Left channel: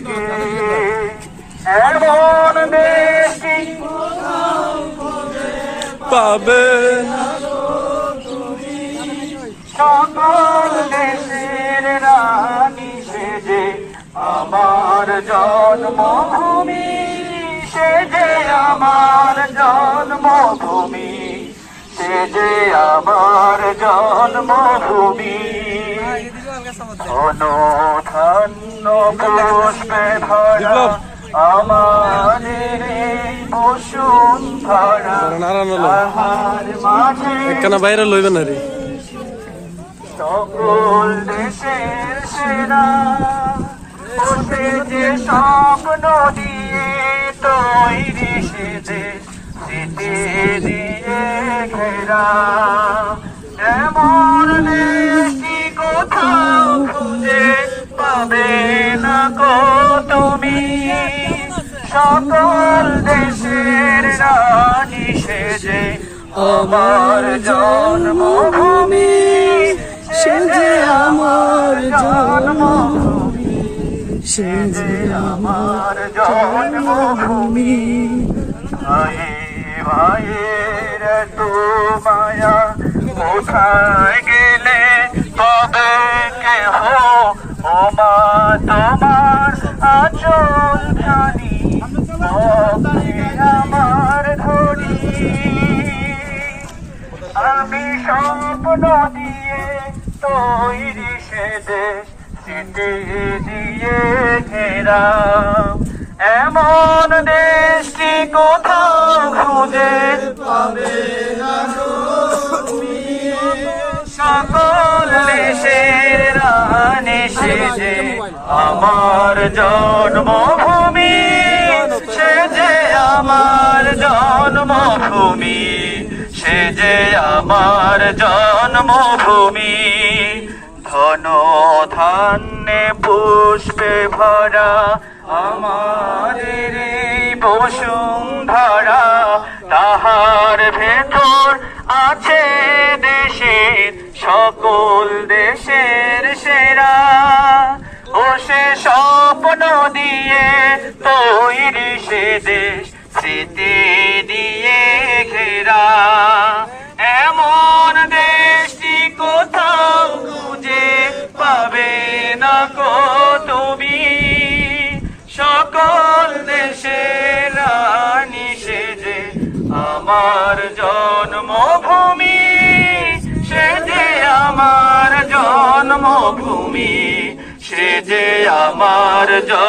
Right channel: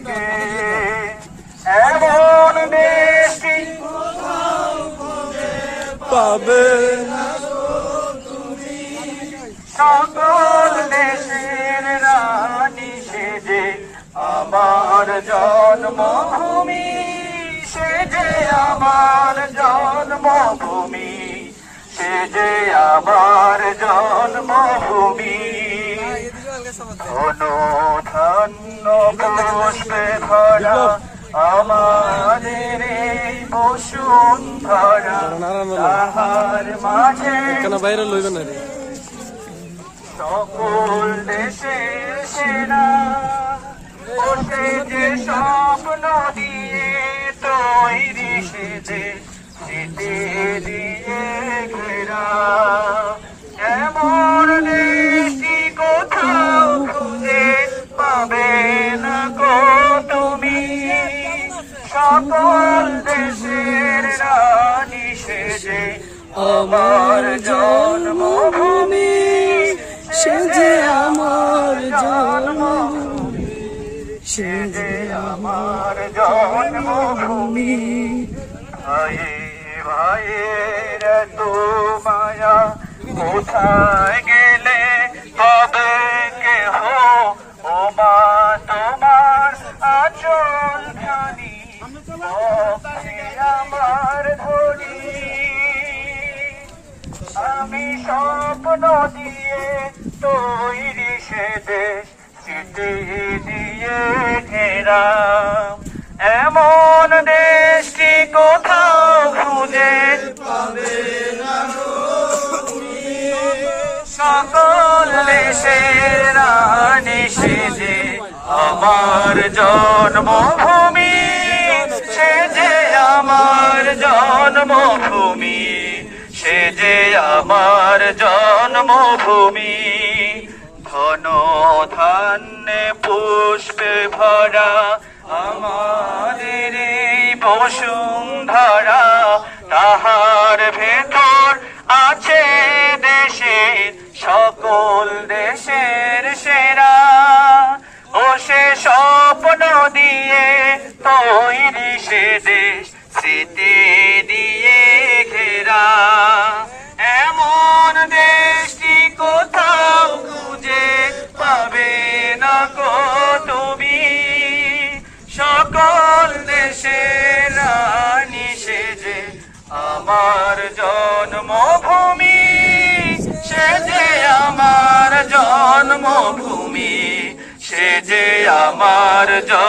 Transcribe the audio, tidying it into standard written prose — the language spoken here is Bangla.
থেকে এমন দেশটি পাবে সকল দেশের রানী সেজে আমার জন্মভূমি, সেজে আমার জন্মভূমি, সেজে আমার জন্মভূমি। ধন ধন্য পুষ্পে ভরা আমাদের এই বসুন্ধরা, তাহার মাঝে কেন বাইরে লইবে না রে সকল দেশের সেরা ওঠে যে স্বপ্ন দিয়ে তৈরি সে দেশ, স্মৃতি দিয়ে ঘেরা। এমন দেশটি কোথাও খুঁজে পাবে না গো তুমি, সকল দেশের রানী সেজে আমার জন্মভূমি, সেজে আমার জন্মভূমি, সেজে আমার জন্মভূমি। ভাইয়ে ভাইয়ের এত মায়া কোথায় গেলে তবে কেহ, ও মা তোমার আচল খানি আমার ধনী। আমি স্বপ্ন দিয়ে তৈরি সে দেশ, স্মৃতি দিয়ে ঘেরা। এমন দেশটি কোথাও খুঁজে পাবে না গো তুমি, সকল দেশের রানী সেজে আমার জন্মভূমি, সেজে আমার জন্মভূমি, সেজে আমার জন্মভূমি। ধন ধান্যে পুষ্পে ভরা আমাদের এই বসুন্ধরা, তাহার ভেতর আছে দেশের সকল দেশের সেরা। ও সে স্বপ্ন দিয়ে তৈরি সে দেশ, স্মৃতি দিয়ে ঘেরা। এমন দেশটি কোথাও খুঁজে পাবে না গো তুমি, সকল দেশের রানী সেজে আমার জন্মভূমি, সেজে আমার জন্মভূমি, সেজে আমার